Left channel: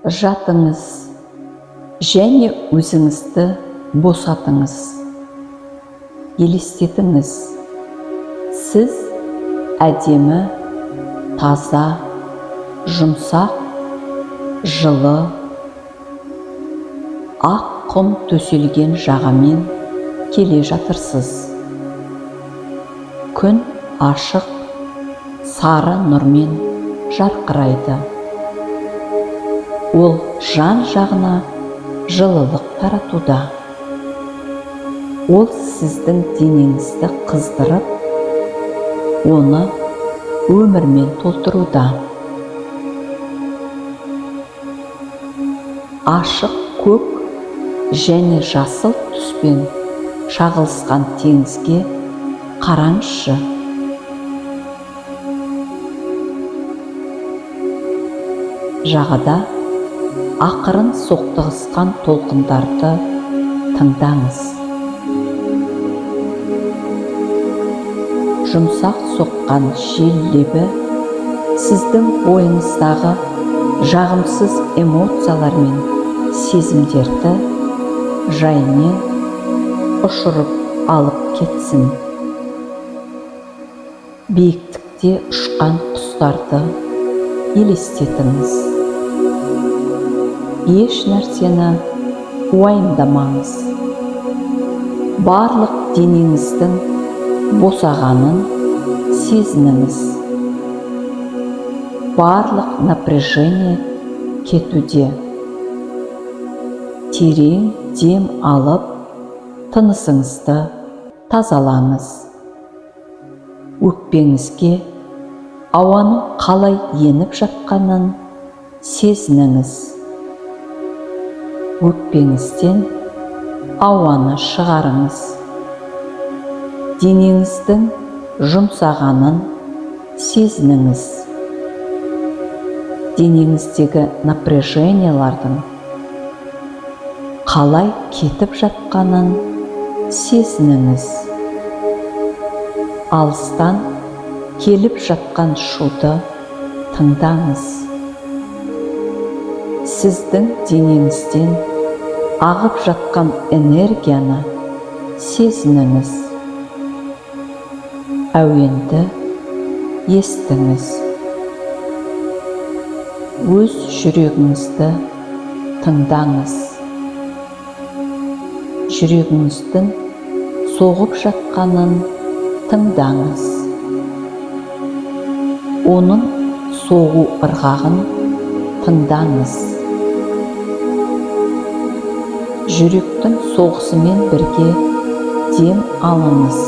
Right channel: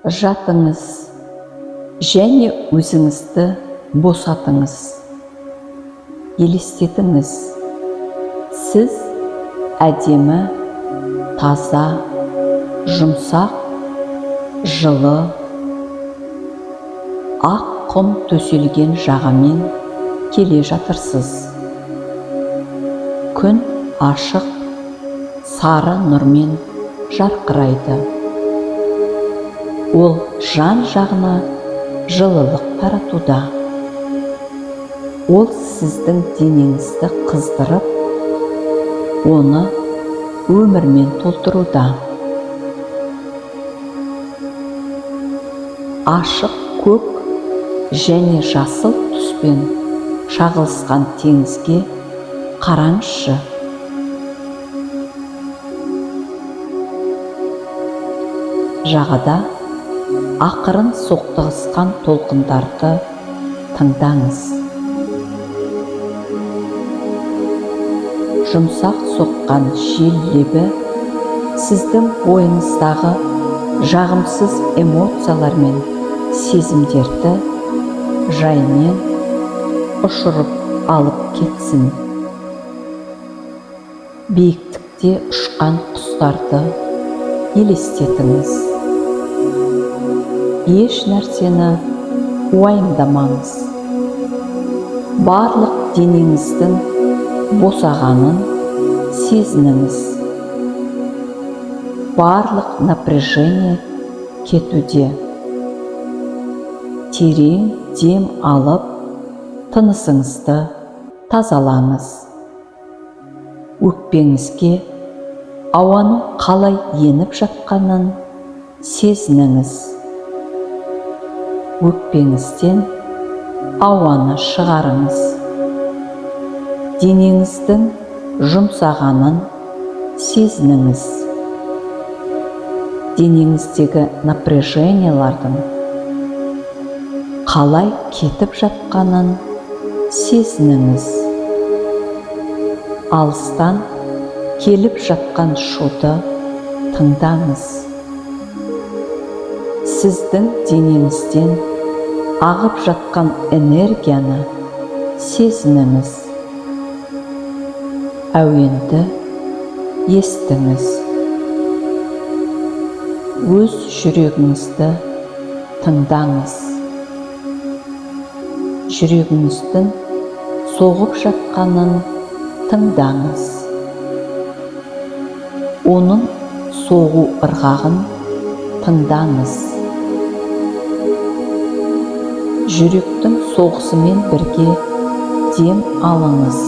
Жатыңыз және өзіңізді босатыңыз. Елестетіңіз, сіз әдемі, таза, жұмсақ, жылы, ақ құм төселген жағамен келе жатырсыз. Күн ашық, сары нұрмен жарқырайды. Ол жан жағына жылылық таратуда. Ол сіздің денеңізді қыздырып, оны өмірмен толтыруда. Ашық көк және жасыл түспен шағылысқан теңізге қараңызшы. Жағада ақырын соқтығысқан толқындарды тыңдаңыз. Жұмсақ соққан жел лебі сіздің бойыңыздағы жағымсыз эмоциялар мен сезімдерді жаймен ұшырып алып кетсін. Биіктікте ұшқан құстарды елестетіңіз. Еш нәрсені уайымдамаңыз. Барлық денеңіздің босағанын сезініңіз. Барлық напряжение кетуде. Терең дем алып, тынысыңызды тазалаңыз. Өкпеңізге ауаның қалай еніп жатқанын сезініңіз. Өкпеңізден ауаны шығарыңыз. Денеңіздің жұмсағанын сезініңіз. Денеңіздегі напряжениялардың қалай кетіп жатқанын сезініңіз. Алыстан келіп жатқан шуды тыңдаңыз. Сіздің денеңізден ағып жатқан энергияны сезініңіз. Әуенді естіңіз. Өз жүрегіңізді тыңдаңыз. Жүрегіңіздің соғып жатқанын тыңдаңыз. Оның соғу ырғағын тыңдаңыз. Жүректің соғысымен бірге дем алыңыз.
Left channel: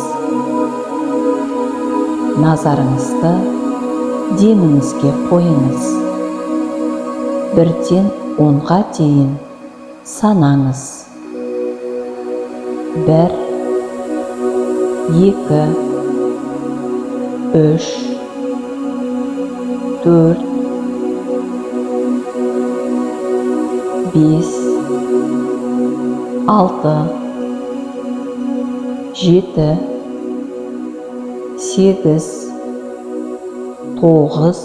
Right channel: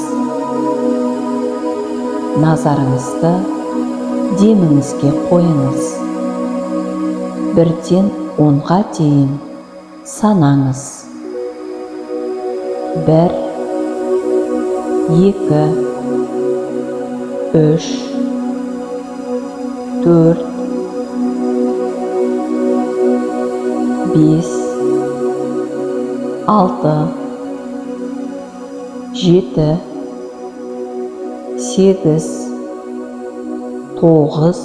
Назарыңызды деміңізге қойыңыз. 1-ден 10-ға дейін санаңыз. 1, 2, 3, 4, 5, 6, 7, 8, 9,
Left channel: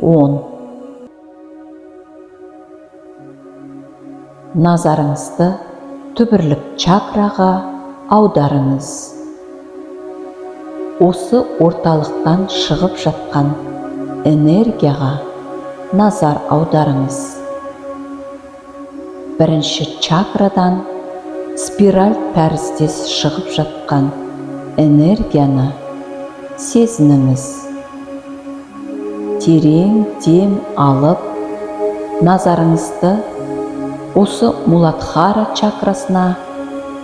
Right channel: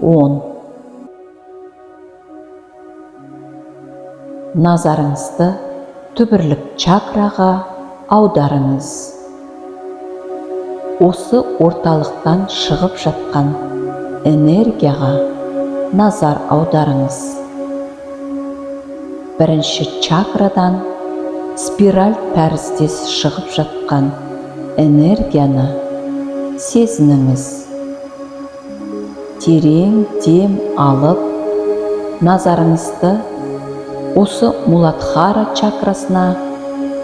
10. Назарыңызды түбірлік чакраға аударыңыз. Осы орталықтан шығып жатқан энергияға назар аударыңыз. Бірінші чакрадан спираль тәріздес шығып жатқан энергияны сезініңіз. Терең дем алып, назарыңызды осы Муладхара чакрасына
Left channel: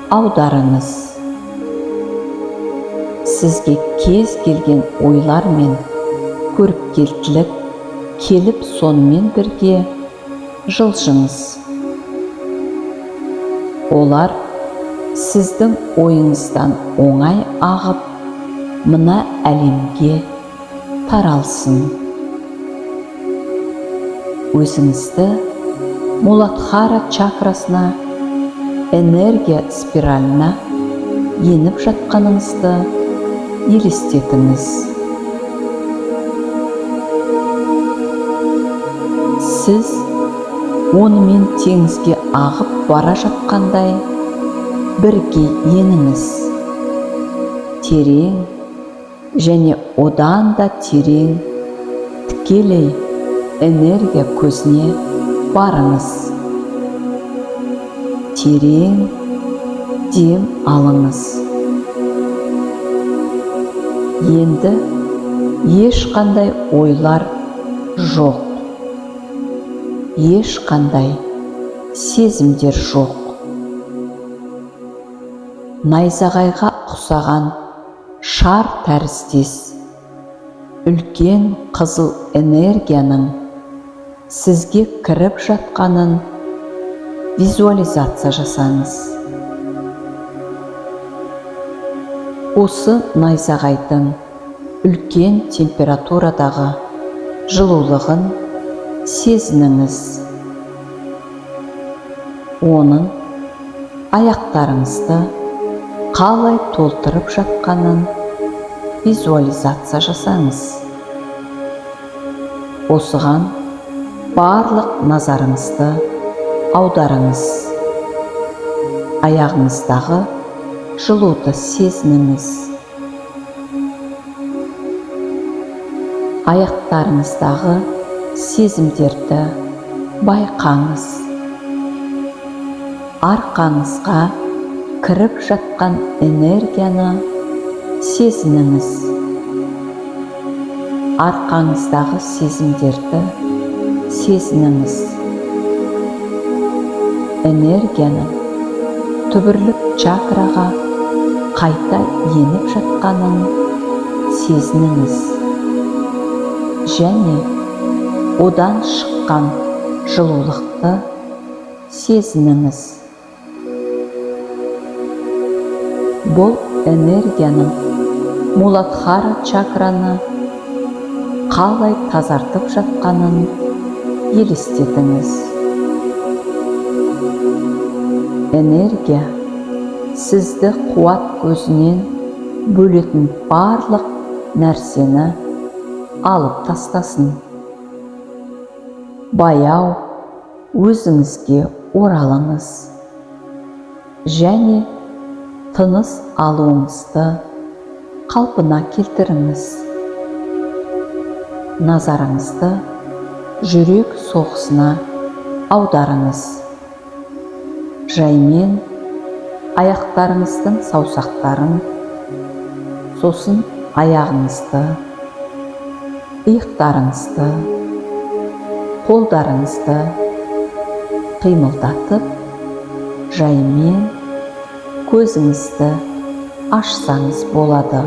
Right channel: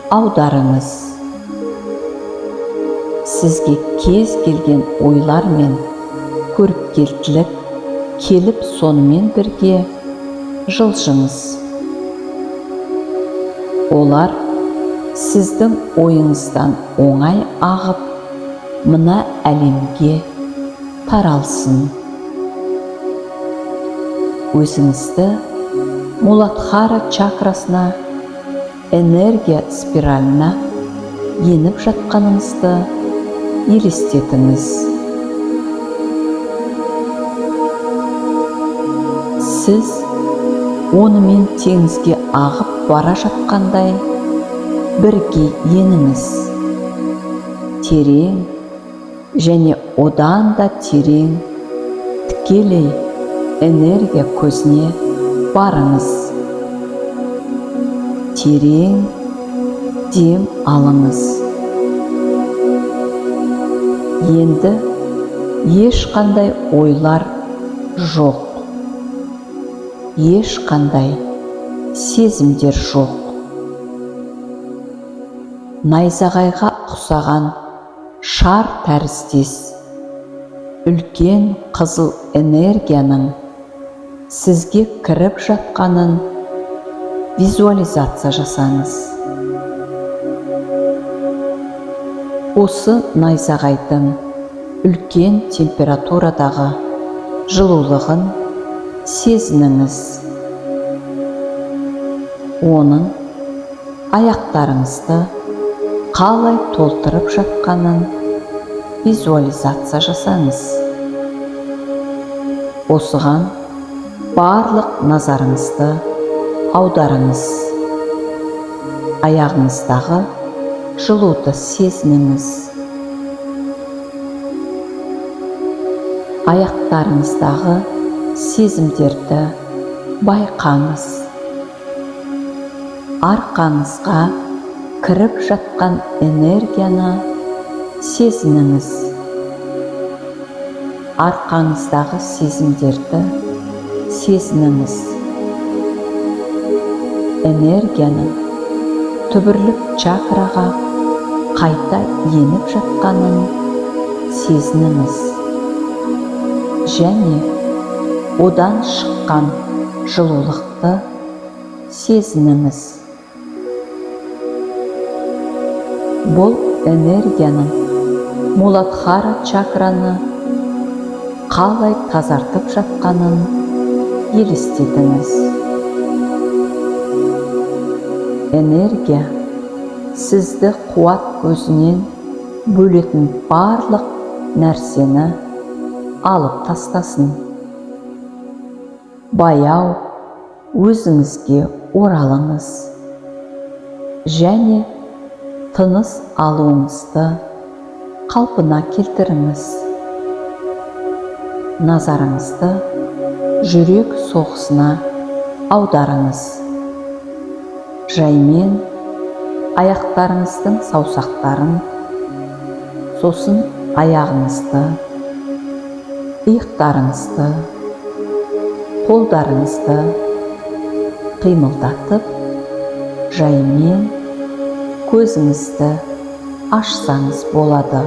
аударыңыз. Сізге кез келген ойлар мен көріпкелділік келіп сонымен бірге жылжыңыз. Олар сіздің ойыңыздан оңай ағып, мына әлемге таралсын. Өзіңізді Муладхара чакрасына, энергия спиралына еніп жатқаныңызды елестетіңіз. Сіз онымен теңізге ағып бара жатқандай бірге еніңіз. Терең және одан да терең тікелей энергия көзіне барыңыз. Терең дем алыңыз. Енді ешқандай ойлар жоқ. Ешқандай сезімдер жоқ. Найзағайға ұқсаған шар тәріздес үлкен қызыл энергияның сізге кіріп жатқанын визуализация жасаңыз. Осы найзағайдың үлкен температурадағы жылулығын сезініңіз. Оның аяқтарыңызды қалай толтырып жатқанын визуализация жасаңыз. Осыған барлық назарыңызды аударыңыз. Аяғыңыздағы жылуды сезініңіз. Аяқтарыңыздағы сезімдерді байқаңыз. Арқаңызға кіріп жатқан энергияны сезініңіз. Арқаңыздағы сезімдерді сезініңіз. Энергияның түбірлік чакраға қайта еніп жатқанын сезініңіз. Және одан шыққан жылулықты сезініңіз. Бұл энергияның Муладхара чакраны қалай тазартып жатқанын елестетіңіз. Энергия сізді қуат көзінен бөлетін барлық нәрсені алып тастасын. Баяу өзіңізге оралыңыз. Және тыныс алуыңызды қалпына келтіріңіз. Назарыңызды жүрек соғысына аударыңыз. Жаймен аяқтарыңыздың саусақтарын, сосын аяғыңызды, иықтарыңызды, қолдарыңызды қимылдатып, жаймен көзіңізді ашсаңыз болады.